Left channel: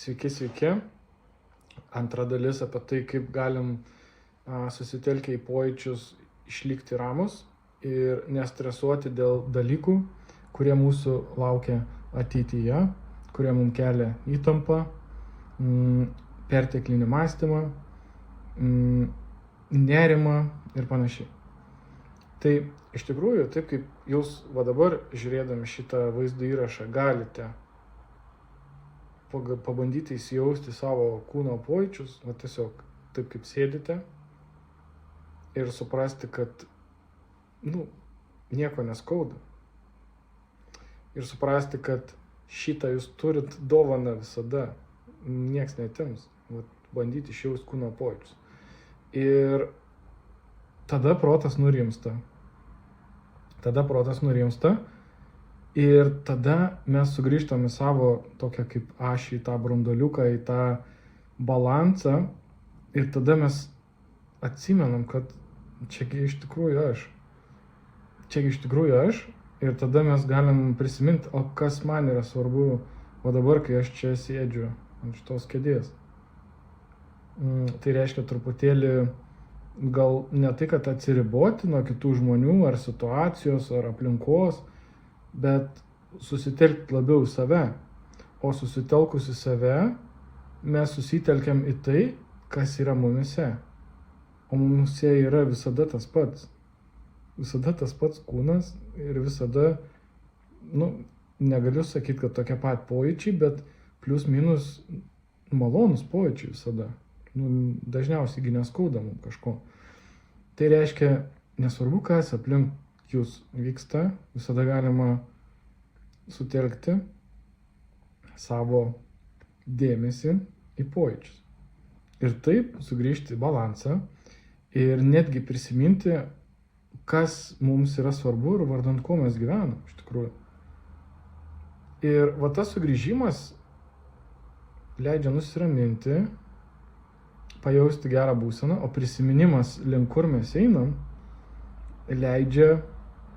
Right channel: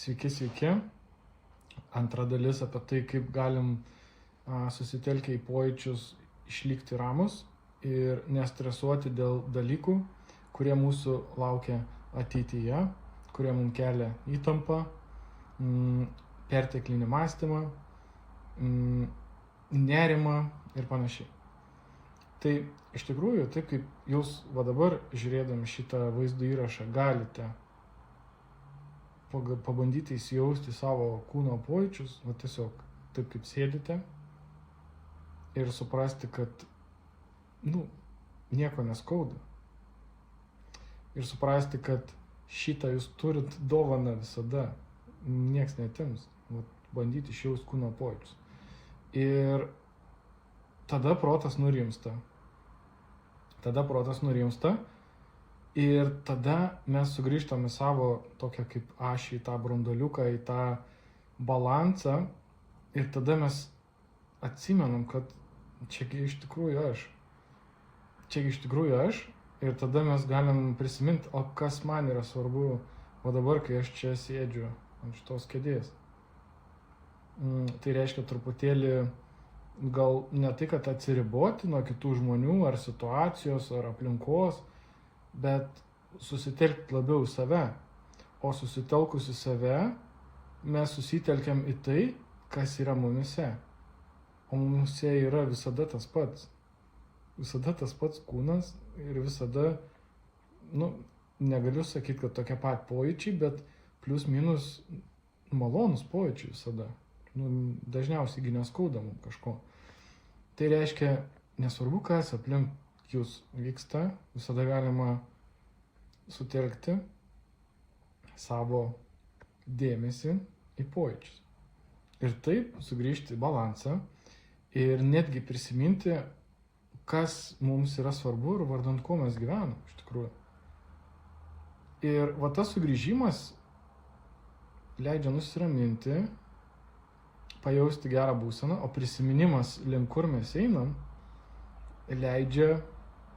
Sveiki, sveiki. Antra dalis apie tai, kaip galim susitelkę į pojūčius išlikti ramus ir nestresuoti dėl dalykų, kurie mūsų laukia ateityje, kurie mums kelia įtampą, perteklinį mąstymą, nerimą ir panašiai. Tai iš tikrųjų, taip kaip jūs dabar žiūrėdami šitą vaizdo įrašą galite pabandyti įsijausti savo kūno pojūčius, tiesiog taip kaip sėdite ir suprasti, kad nieko neskauda. Ir suprasti, kad šitą jūs turit dovaną visada, nieks neatims. Bandyti išjausti kūno pojūčius. Ir tada protas nurimsta. Ir tada mes sugrįžtam į savo tokią kaip ašį, į tą branduoliuką, į tą balansą. Ir tada mes atsimenam, kad čiagi iš tikrųjų aš. Ir tada mes galim prisiminti, o kas man yra svarbu, o dabar, kai aš čia sėdžiu ant šitos kėdės. Tai reiškia truputėlį gal ne tai, kad atsiriboti nuo kitų žmonių ar situacijos ar aplinkos, bet susitelkti labiau į save. O susitelkus į save, mes susitelkiam į tai, kas yra mumise. O mumise yra visada tas pats. Visada tas pats kūnas ir visada, negaliu sakyti, kad tokie pat pojūčiai, bet plius minus malonus pojūčiai visada. Dažniausiai neskauda mums kažko. Tai reiškia, nesvarbu, kas aplink jūs vyksta, visada galima sutelkti savo dėmesį į pojūčius. Ir taip sugrįžti į balansą ir netgi prisiminti, kas mums yra svarbu ir vardan ko mes gyvenam iš tikrųjų. Ir tas sugrįžimas leidžia nusiraminti, pajausti gerą būseną, o prisiminimas, link kur mes einam, leidžia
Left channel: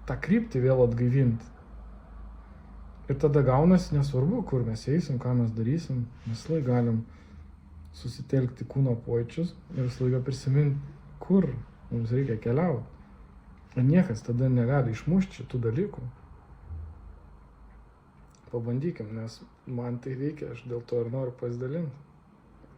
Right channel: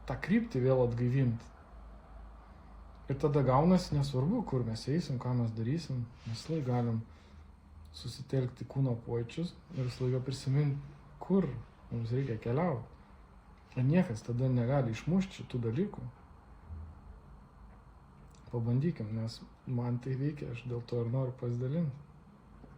tą kryptį vėl atgaivinti. Ir tada gaunasi nesvarbu, kur mes eisim, ką mes darysim, mes visą laiką galim susitelkti kūno pojūčius ir visą laiką prisiminti, kur mums reikia keliauti. Ir niekas tada negali išmušti šitų dalykų. Pabandykim, nes man tai veikia, aš dėl to ir noriu pasidalinti.